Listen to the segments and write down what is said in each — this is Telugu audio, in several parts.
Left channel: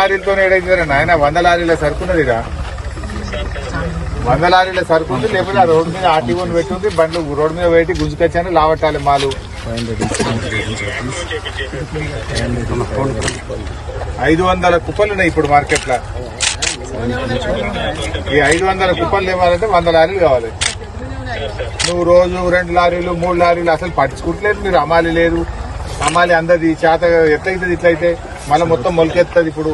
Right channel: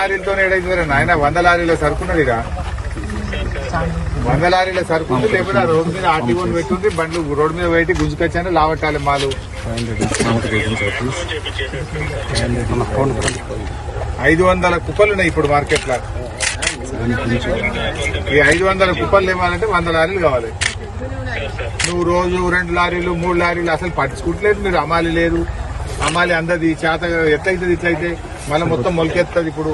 లారీలతో ఏడైతే నాయన 100 లారీల సరుకున్నది ఇక 100 లారీల సరుకుంది. లేకపోతే ఆ రోడ్డు మీద ఆర్టీఓని పెట్టుంది, బండ్లు రోడ్డు మీద పెట్టి గుంజుకొచ్చాను లావట్టాలి మాలు. 500 కుప్పలు ఉన్నాయి ఇప్పుడు మార్కెట్ లో. ఈ 500 కుప్పలు ఇవ్వాలంటే 100 లారీలు కావాలి. నువ్వు రోజు 2 లారీలు 3 లారీలు అసలు పట్టించుకుంటలేదు మీరు. అమ్మాలి లేదు, అమ్మాలి అందది చేత ఎట్లయితుంది ఇట్లయితే మళ్ళీ మొత్తం మొలకెత్తది. ఇప్పుడు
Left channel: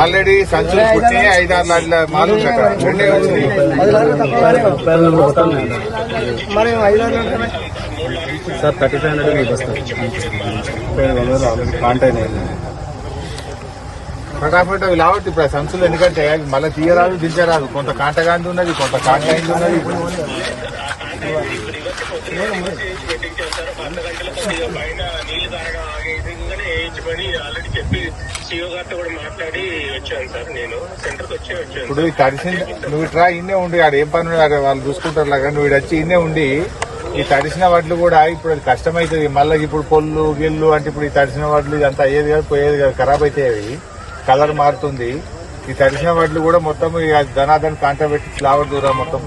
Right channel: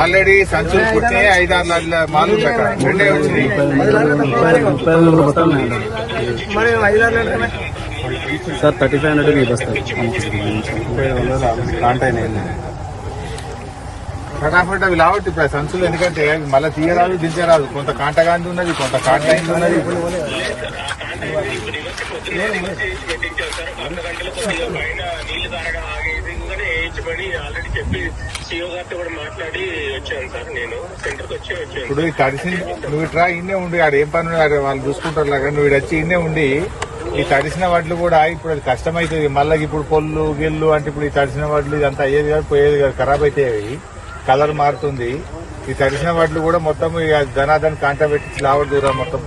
ఆల్రెడీ సంచులు పుట్టిన 5-6 లారీల మాలు 2 వచ్చినాయి. సార్ 3500 ఆల్రెడీ కాంటాక్ట్ అయింది. ఫటాఫట్ అవి లావట్టు ఇప్పుడు సంచులు. ఎందుకంటే మళ్ళీ తీయరాదు దించరాదు. కొంత కాంటగాంది ఉన్నది, కొంత కాంటాయింది ఉన్నది. ఇప్పుడు తడిసింది నువ్వు ఇట్లా ఇన్నే ఉండి ఆడ ఏం పని వాళ్ళు చూసుకుంటారు లాగా నువ్వు వచ్చి ఇన్నే ఉండి ఈ తడిసిన వడ్లు కూడా ఇప్పుడు అది కష్టమైతుంది. మళ్ళీ ఇప్పుడు పొల్లు గిల్లు అంటే ఇప్పుడు ఈ తడిసిన వడ్లు ఇదంతా అయ్యేది కాదు, పోయేది కాదు, ఖరాబ్ అవుతాయి. కలర్ మారుతుంది. ఈ తడిసిన వడ్లు కూడా మొత్తం ధనాధన్ కాంట పెట్టి ఫ్లవర్ దూరం మొత్తం.